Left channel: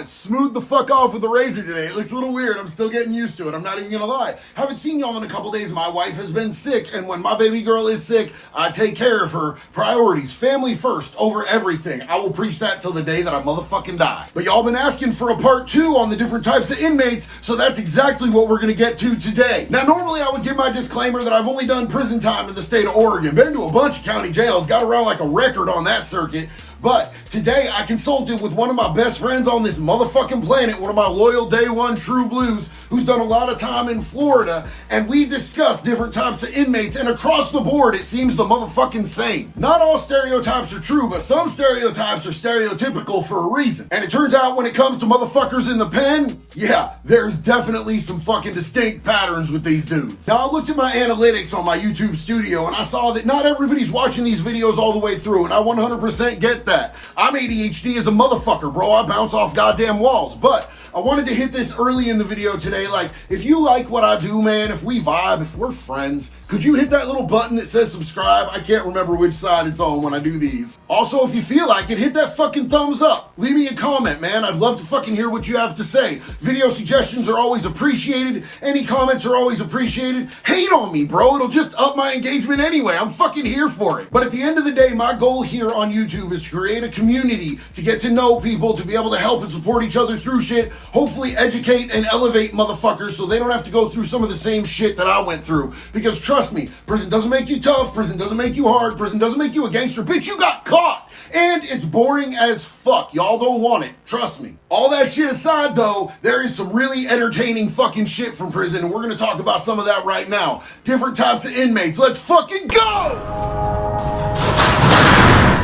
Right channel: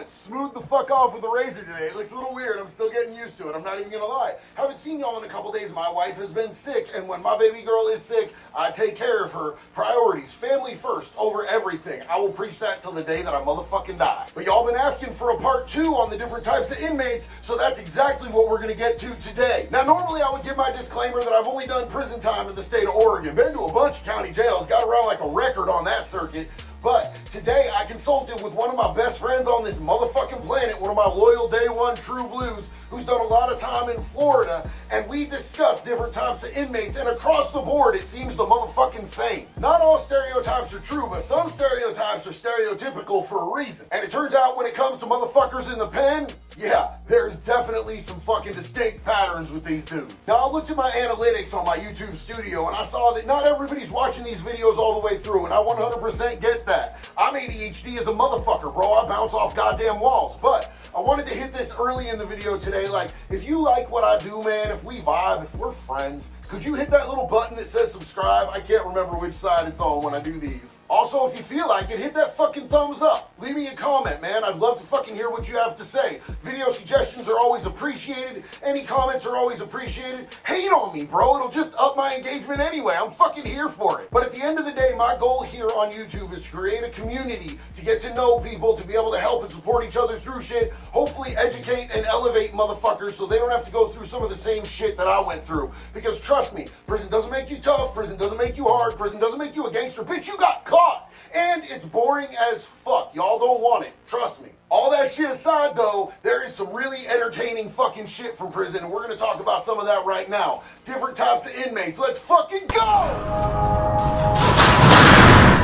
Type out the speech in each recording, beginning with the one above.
helmet smoothed the fuck off with a razor today. It looks a little weird. I'm still getting used to it. I'm not even gonna lie. Haven't seen y'all in a couple days. My wife has been sick, and when my baby girl is sick, I take care of her. Priorities, family first over everything. I will preach that till the day that I motherfucking die. But y'all been asking for a part 2 on the different types of inmates, so that's exactly what we're gonna get to today. Now, normally I would give my disclaimer that I've only done prison time in the state of Oregon. Been to a bunch of county jails, got around like a record on that circuit. But today I consulted with one of my best friends on this motherfucking planet, one of my loyal day one true blues, who's done a lot of time in Florida, and we discussed different types of inmates, and across the board it seems the motherfucking same. Not all stereotypes are true, but some stereotypes are stereotypical for a reason. And it turns out when it comes to motherfuckers in the pen, yeah, there's definitely some fucking distinct patterns with these dudes. Now, I looked at my analytics on my YouTube studio and I saw that not everybody's watching these videos all the way through, and I 100% get that. I'm ADHD as a motherfucker, bro. I bounce off goddamn walls. But I wanted to hit this early in the video today. Like, if you like what I do, man, if we vibe, if we're friends, could you hit that little button that says subscribe? I can't remember which side it's on when I do these. Also, if you feel like it, hit that fucking thumbs up. Leave me a comment, man. I'd love to fucking hear what you have to say. Video suggestions are always appreciated. Any comments are always appreciated. Hate on me, bro. It'll just up my engagement anyway. I'm fucking here for it. But at the end of the day, my goal here on YouTube is to create a community, to get to know people, to be able to help and support each other through shit, hopefully educate and elevate motherfuckers so they don't have to go through some of the same shit that I went through. Because trust me, prison doesn't make you tough, prison doesn't make you hard, prison doesn't make you a gangster. Bitch, you got caught. And it's boring as fuck. Y'all don't want it. Trust me. All that shit aside though, there is some really entertaining fucking shit from prison, and we're gonna talk about some of that right now. Different types of inmates. Let's fucking go!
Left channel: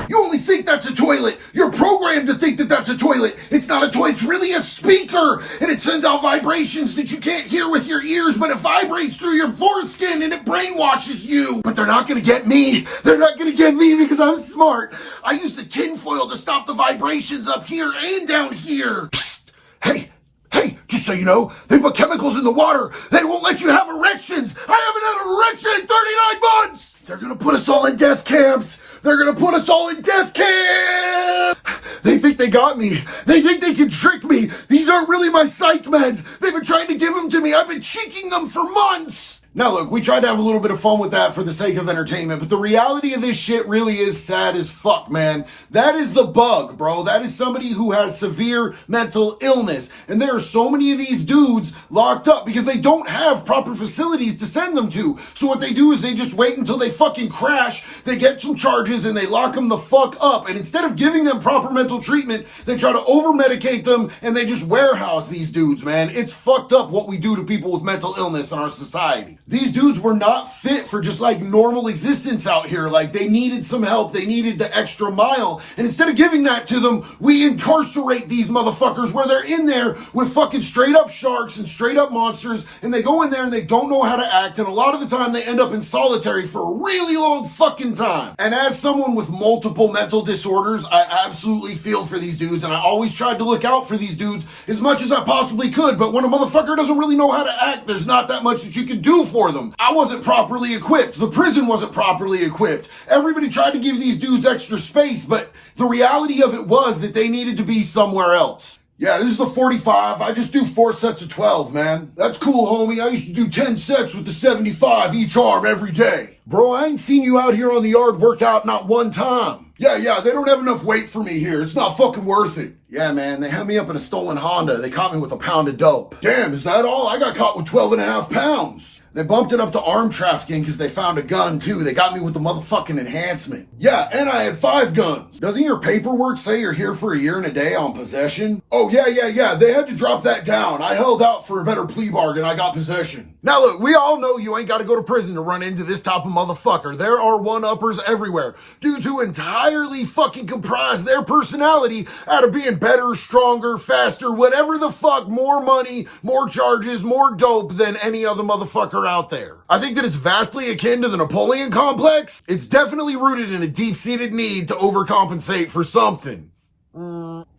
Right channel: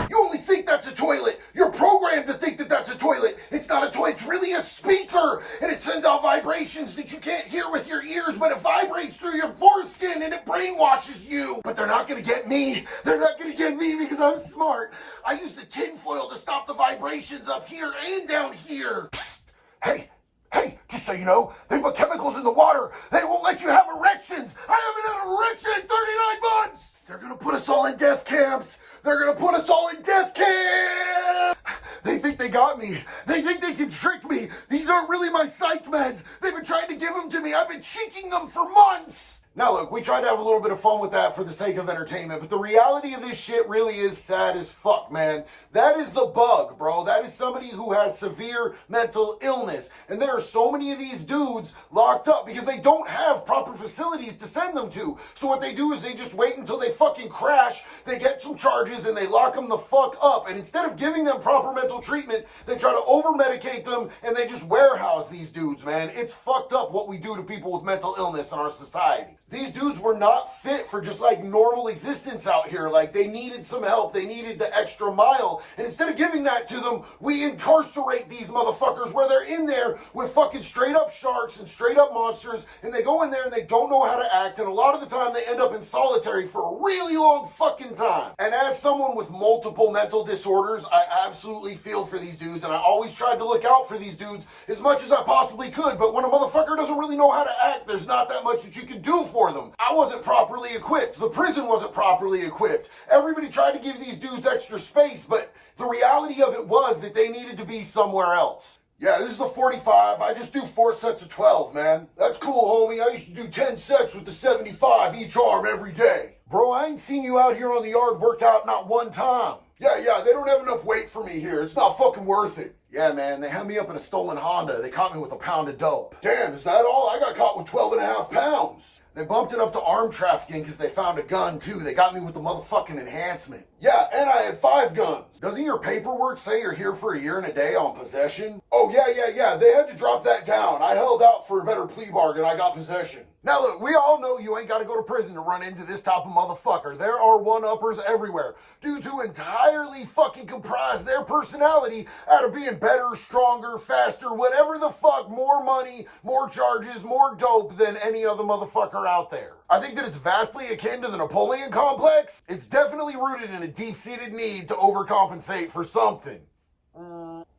You only think that's a toilet. You're programmed to think that that's a toilet. It's not a toilet. It's really a speaker, and it sends out vibrations that you can't hear with your ears, but it vibrates through your foreskin and it brainwashes you. But they're not gonna get me. They're not gonna get me because I'm smart. I use the tinfoil to stop the vibrations up here and down here. Psst. Hey, just so you know, they put chemicals in the water. They won't let you have erections. I haven't had an erection in 39 months. They're gonna put us all in death camps. They're gonna put us all in death camps. They think they got me. They think they can trick me. These aren't really my psych meds. They've been trying to give them to me. I've been cheeking them for months. Now look, we tried to have a little bit of fun with that for the sake of entertainment, but the reality of this shit really is sad as fuck, man. That is the bug, bro. That is somebody who has severe mental illness. And there are so many of these dudes locked up because they don't have proper facilities to send them to. So what they do is they just wait until they fucking crash, they get some charges, and they lock them the fuck up. And instead of giving them proper mental treatment, they try to over-medicate them, and they just warehouse these dudes, man. It's fucked up what we do to people with mental illness in our society. These dudes were not fit for just like normal existence out here. Like, they needed some help. They needed the extra mile. And instead of giving that to them, we incarcerate these motherfuckers where they're in there with fucking straight up sharks and straight up monsters. And they go in there and they don't know how to act. And a lot of the time they end up in solitary for a really long fucking time. And as someone with multiple mental disorders, I absolutely feel for these dudes. And I always tried to look out for these dudes as much as I possibly could. But when a motherfucker doesn't really know how to act, there's not that much that you can do for them. I wasn't properly equipped. The prison wasn't properly equipped. Everybody tried to give these dudes extra space, but the reality of it was that they needed to be somewhere else. Yeah, this is the 45. I just do 4 sets of 12, man. That's cool, homie. I used to do 10 sets with the 75 each arm every day. Bro, I ain't seen you out here on the yard workout not one time. Yeah, they don't have enough weight for me here. It's not fucking worth it. Yeah, man, they had me up in a stolen Honda. They caught me with a pound of dope. Damn, is that all? I got caught with 12.5 pounds. They bumped it up to arm trafficking because they found a gun, too. They got me with the motherfucking enhancement. Yeah, and I had 5 guns. Doesn't your paperwork say you're here for a year and a day on possession? Oh, yeah. They had to drop that down. I held out for a better plea bargain. I got possession. Now, look, we all know you ain't got to go to prison to run into this type of motherfucker. There are one-uppers everywhere. Dudes who entirely fucking comprise their personality out of being better, stronger, faster, whatever the fuck, more money, more charges, more dope than any other motherfucker out there. I think that it's vastly akin to the Napoleon complex. It's definitely rooted in a deep-seated need to overcompensate for something.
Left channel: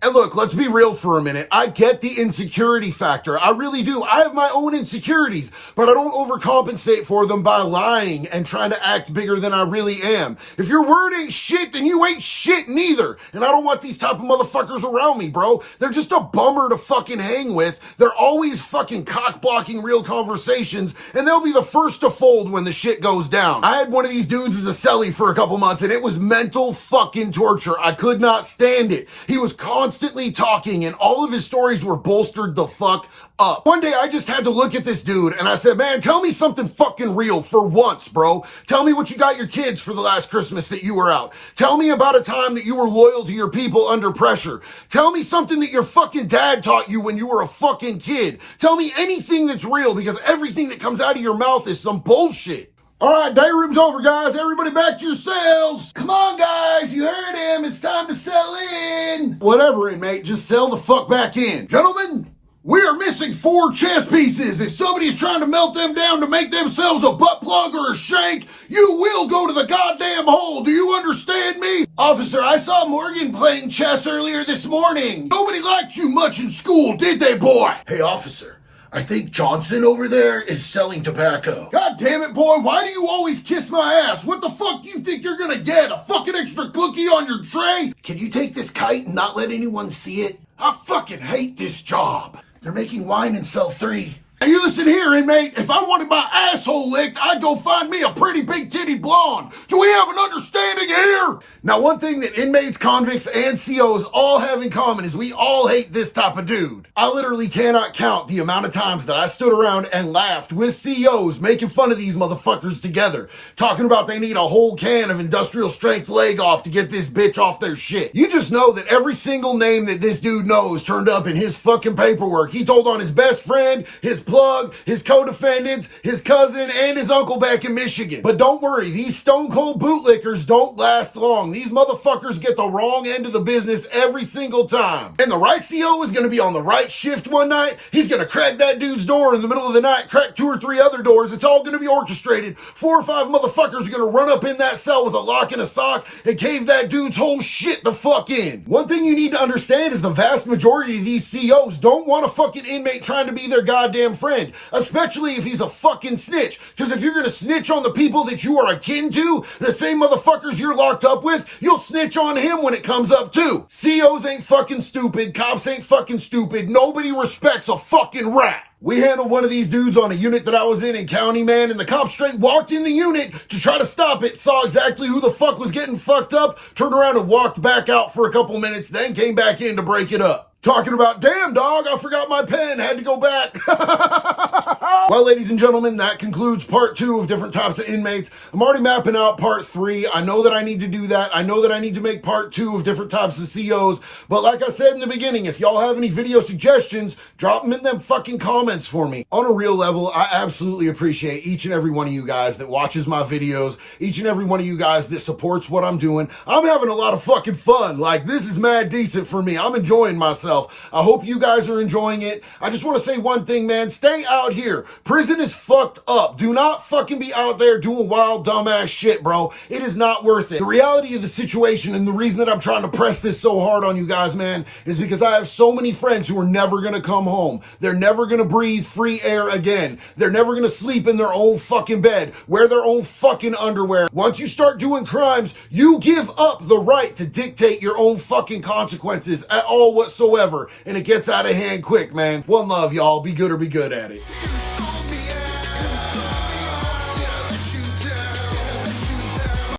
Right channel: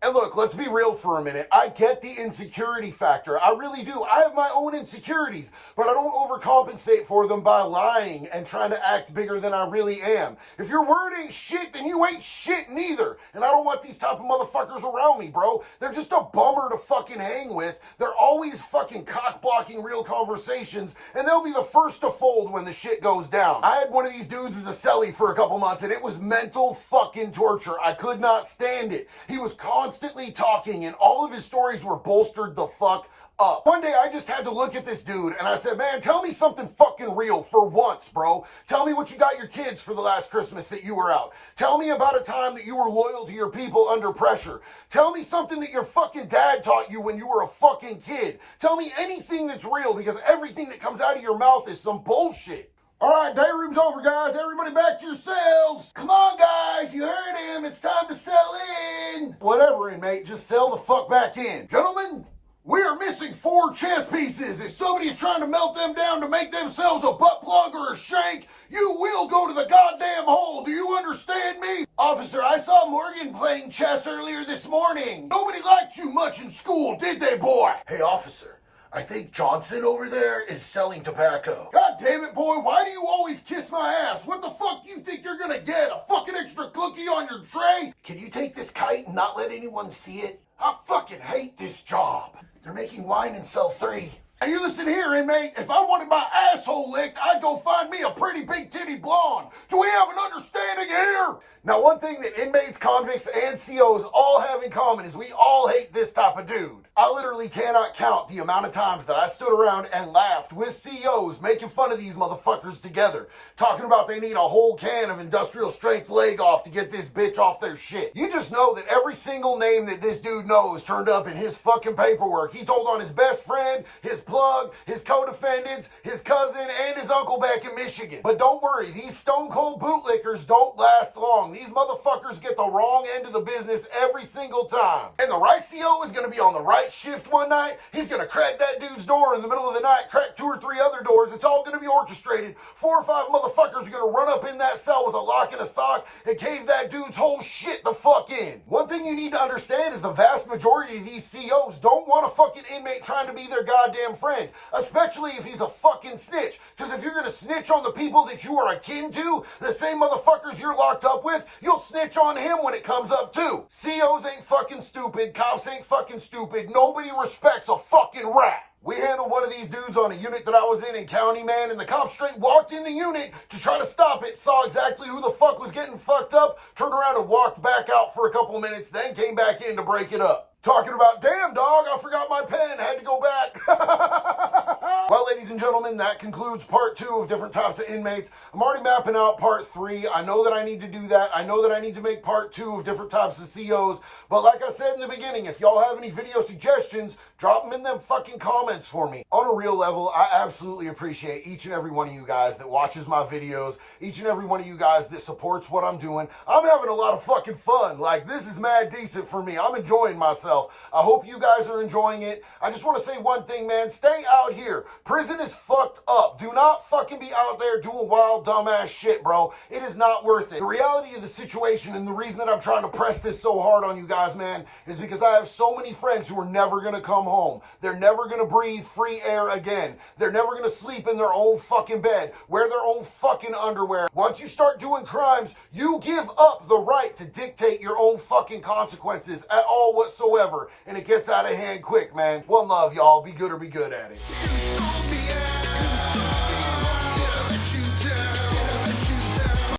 And look, let's be real for a minute. I get the insecurity factor. I really do. I have my own insecurities, but I don't overcompensate for them by lying and trying to act bigger than I really am. If your word ain't shit, then you ain't shit neither. And I don't want these type of motherfuckers around me, bro. They're just a bummer to fucking hang with. They're always fucking cock-blocking real conversations, and they'll be the first to fold when the shit goes down. I had one of these dudes as a celly for a couple months, and it was mental fucking torture. I could not stand it. He was constantly talking, and all of his stories were bolstered the fuck up. One day I just had to look at this dude and I said, man, tell me something fucking real for once, bro. Tell me what you got your kids for the last Christmas that you were out. Tell me about a time that you were loyal to your people under pressure. Tell me something that your fucking dad taught you when you were a fucking kid. Tell me anything that's real, because everything that comes out of your mouth is some bullshit. All right, day room's over, guys. Everybody back to your cells. Come on, guys. You heard him. It's time to sell in. Whatever, inmate. Just sell the fuck back in. Gentlemen, we are missing 4 chess pieces. If somebody's trying to melt them down to make themselves a butt plug or a shank, you will go to the goddamn hole. Do you understand me? Officer, I saw Morgan playing chess earlier this morning. Nobody liked you much in school, did they, boy? Hey, officer. I think Johnson over there is selling tobacco. God damn it, boy. Why do you always kiss my ass? What the fuck do you think you're gonna get? A fucking extra cookie on your tray? Can you take this kite and not let anyone see it? I fucking hate this job. They're making wine in cell 3. Now you listen here, inmate. If I wanted my asshole licked, I'd go find me a pretty big titty blonde. Do we have an understanding here? Now, one thing that inmates, convicts, and COs all have in common is we all hate this type of dude. I literally cannot count the amount of times that I stood around and laughed with COs making fun of these motherfuckers together, talking about they need a whole can of industrial strength leg off to get this bitch off their shit. You just know that every single name that this dude knows turned up in his fucking paperwork. He told on his best friend, his plug, his co-defendants, his cousin, and his uncle back in Michigan. But don't worry, these stone cold bootlickers don't last long. These motherfuckers get the wrong end of the business every single time. And the right CO is gonna be on the right shift one night. He's gonna crack that dude's door in the middle of the night, crack 2 or 3 other doors. It's all gonna be orchestrated. 4 or 5 motherfuckers are gonna run up in that cell with a lock and a sock and cave that dude's whole shit the fuck in. One thing you need to understand is the vast majority of these COs don't want a fucking inmate trying to be their goddamn friend, especially if he's a fucking snitch. Because if you're gonna snitch on the people that you are akin to, the same motherfuckers you're locked up with, you'll snitch on him when it comes up too. COs ain't fucking stupid, cops ain't fucking stupid, nobody respects a fucking rat. We handled one of these dudes on a unit that I was in county, man, and the cop straight walked in the unit to try to stop it, saw exactly who the fuck was getting fucked up, turned around and walked back out for a couple minutes, then came back in to break it up. Talking about, damn dog, I forgot my pen, had to go back. Well, ladies and gentlemen, that concludes part 2 of different types of inmates. I'm already mapping out part 3. I know that I need to do that. I know that I need to make part 2 of different types of COs. But like I said in the beginning, if y'all have any video suggestions, drop them in them fucking comments for me. On a real level, I absolutely appreciate each and every one of you guys that watches my videos, each and every one of you guys that supports what I'm doing. I'm having a lot of fucking fun. Like, this is mad decent for me. I'm enjoying myself. I hope you guys are enjoying it. I just want to say one thing, man. Stay out here. Prison is fucked up. Do not fucking be out there doing wild, dumbass shit, bro. It is not worth it. The reality of the situation, and the reason that I'm trying to press this so hard on you guys, man, is because I have so many friends who are never going to come home. They're never going to breathe free air again. They're never going to sleep in their own fucking bed, wear their own fucking underwear. Once you start doing crimes, you give up the right to dictate your own fucking consequences at all whatsoever. And it gets out of hand quick, man. One love, y'all. Be good or be good at it.